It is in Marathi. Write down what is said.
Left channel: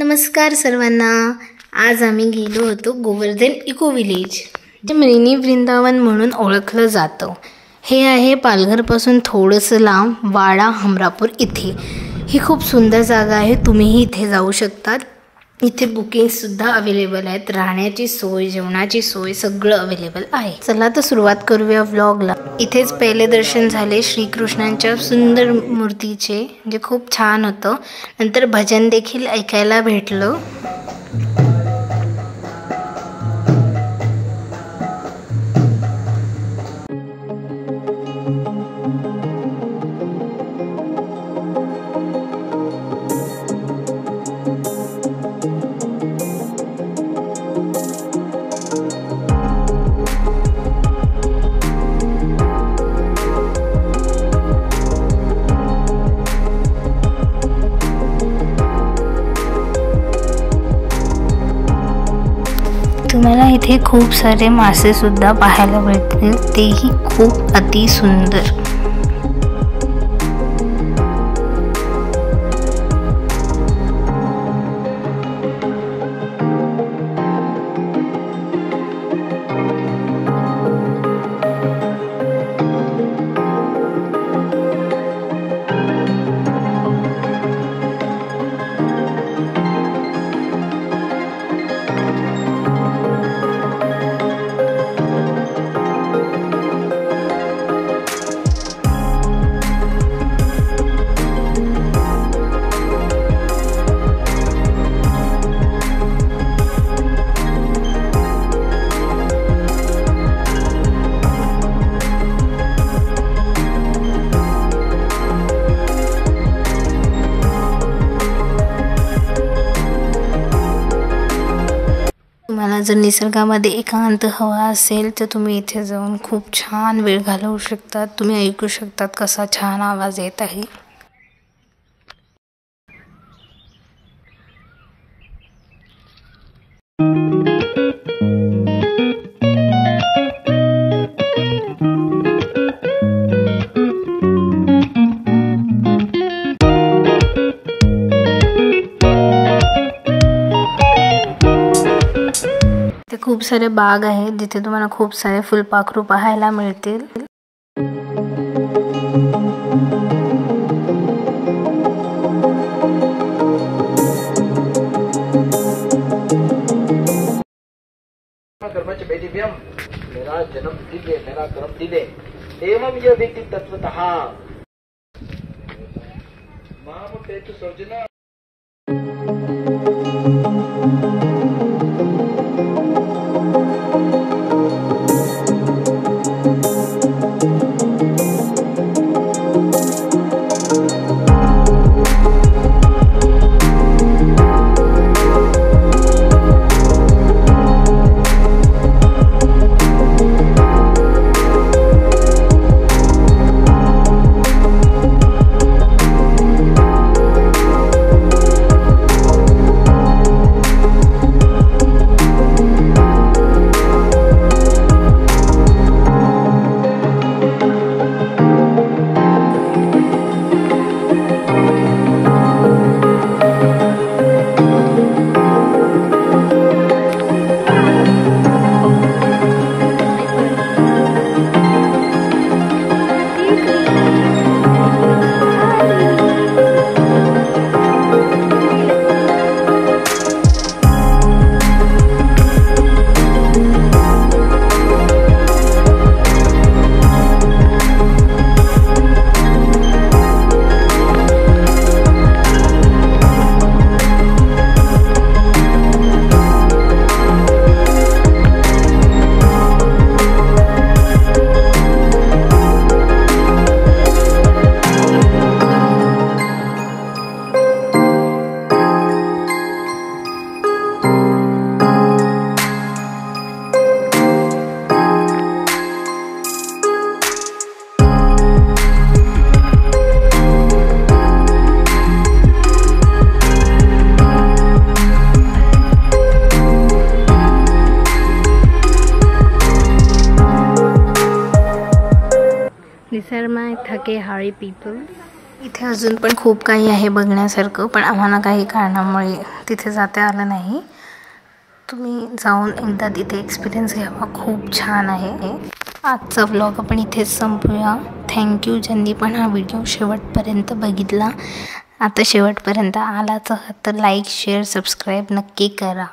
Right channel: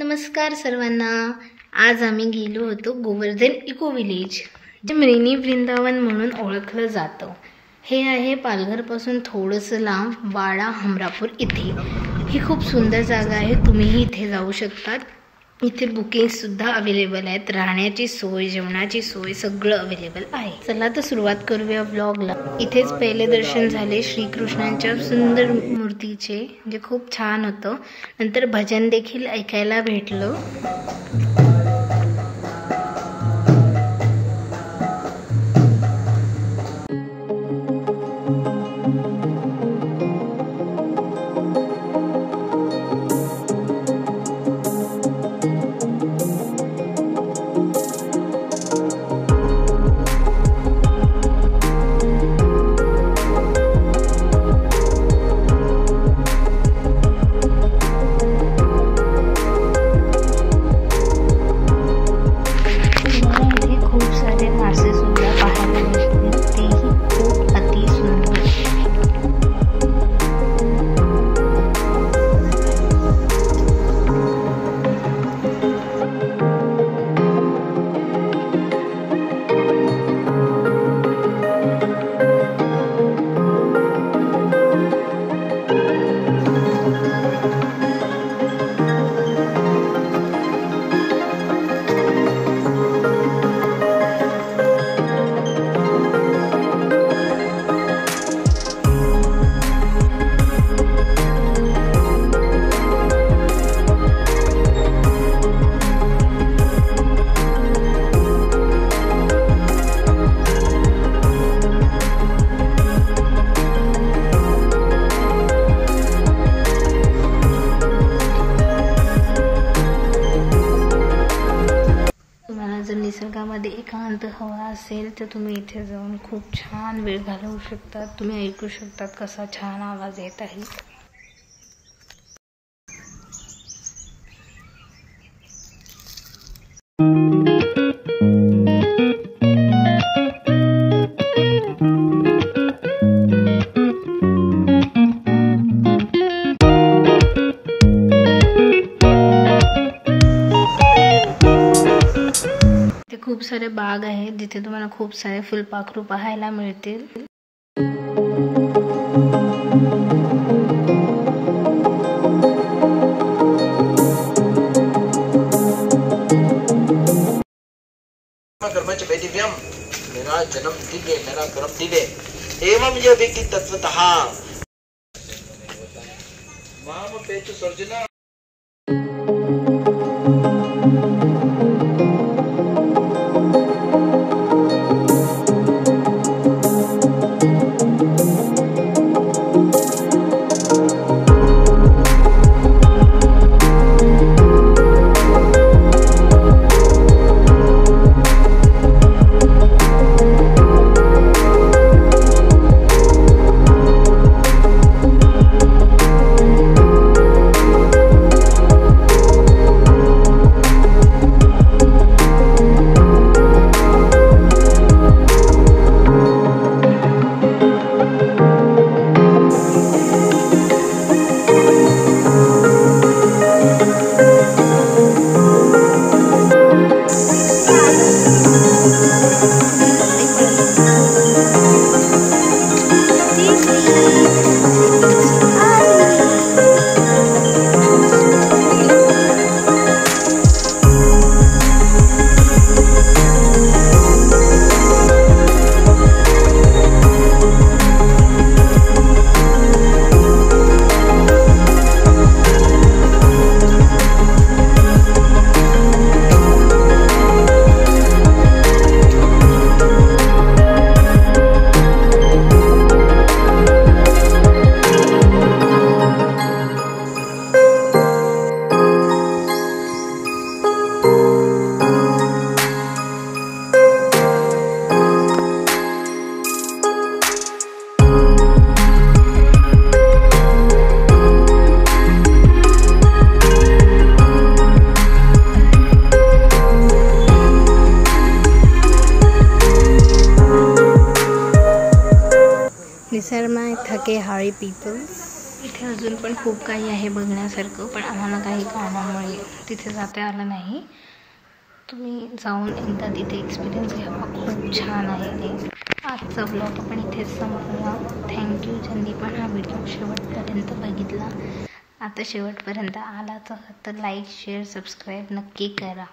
नमस्कार सर्वांना। आज आम्ही गेलो होतो गोवर्धन इको विलेज, जे मिनी वृंदावन म्हणून ओळखलं जातं। हे आहे पालघरपासून थोडंसं लांब वाडा हमरापूर इथे। ही खूप सुंदर जागा आहे, तुम्हीही इथे जाऊ शकता। इथे बुकिंगसुद्धा अवेलेबल आहेत, राहण्याची सोय, जेवणाची सोय सगळं अवेलेबल आहे। चला तर सुरुवात करूया व्लॉगला। इथेच पहिले दर्शन झाले श्रीकृष्णांच्या सुंदर मूर्तीचे, जे खूप छान होतं। नंतर भजन देखील ऐकायला भेटलं। तुम्हाला इथे खूप सारे मासे सुद्धा पाहायला भेटतील, तेही खूप अति सुंदर। जर निसर्गामध्ये एकांत हवा असेल तर तुम्ही इथे जाऊन खूप छान वेळ घालवू शकता। तुम्ही ऐकू शकतात कसा छान आवाज येत आहे। खूप सारे बाग आहेत, जिथे तुम्हाला खूप सारे फुलपाखरू पाहायला मिळतील। कर्मच वैदिव्यम मेरा जन्म दिले मेरा कर्म दिले एवं ये व्यक्ति तत्वतः ma'am पेतु Sarjana. These are my Thake Hari people. इथे अजून पण खूप काही आहे बघण्यासारखं, पण आम्हाला काही कारणामुळे तिथे जाता आलं नाही. तुम्ही जाऊन एकदा तिथे एक्सपिरियन्स घ्यावा, खूप छान आहे. आजचा व्लॉग आपण इथेच संपूया. थँक्यू ज्यांनी पण हा व्हिडिओ शेवटपर्यंत बघितला. आता शेवटपर्यंत आलाच तर लाईक शेअर सबस्क्राईब नक्की करा.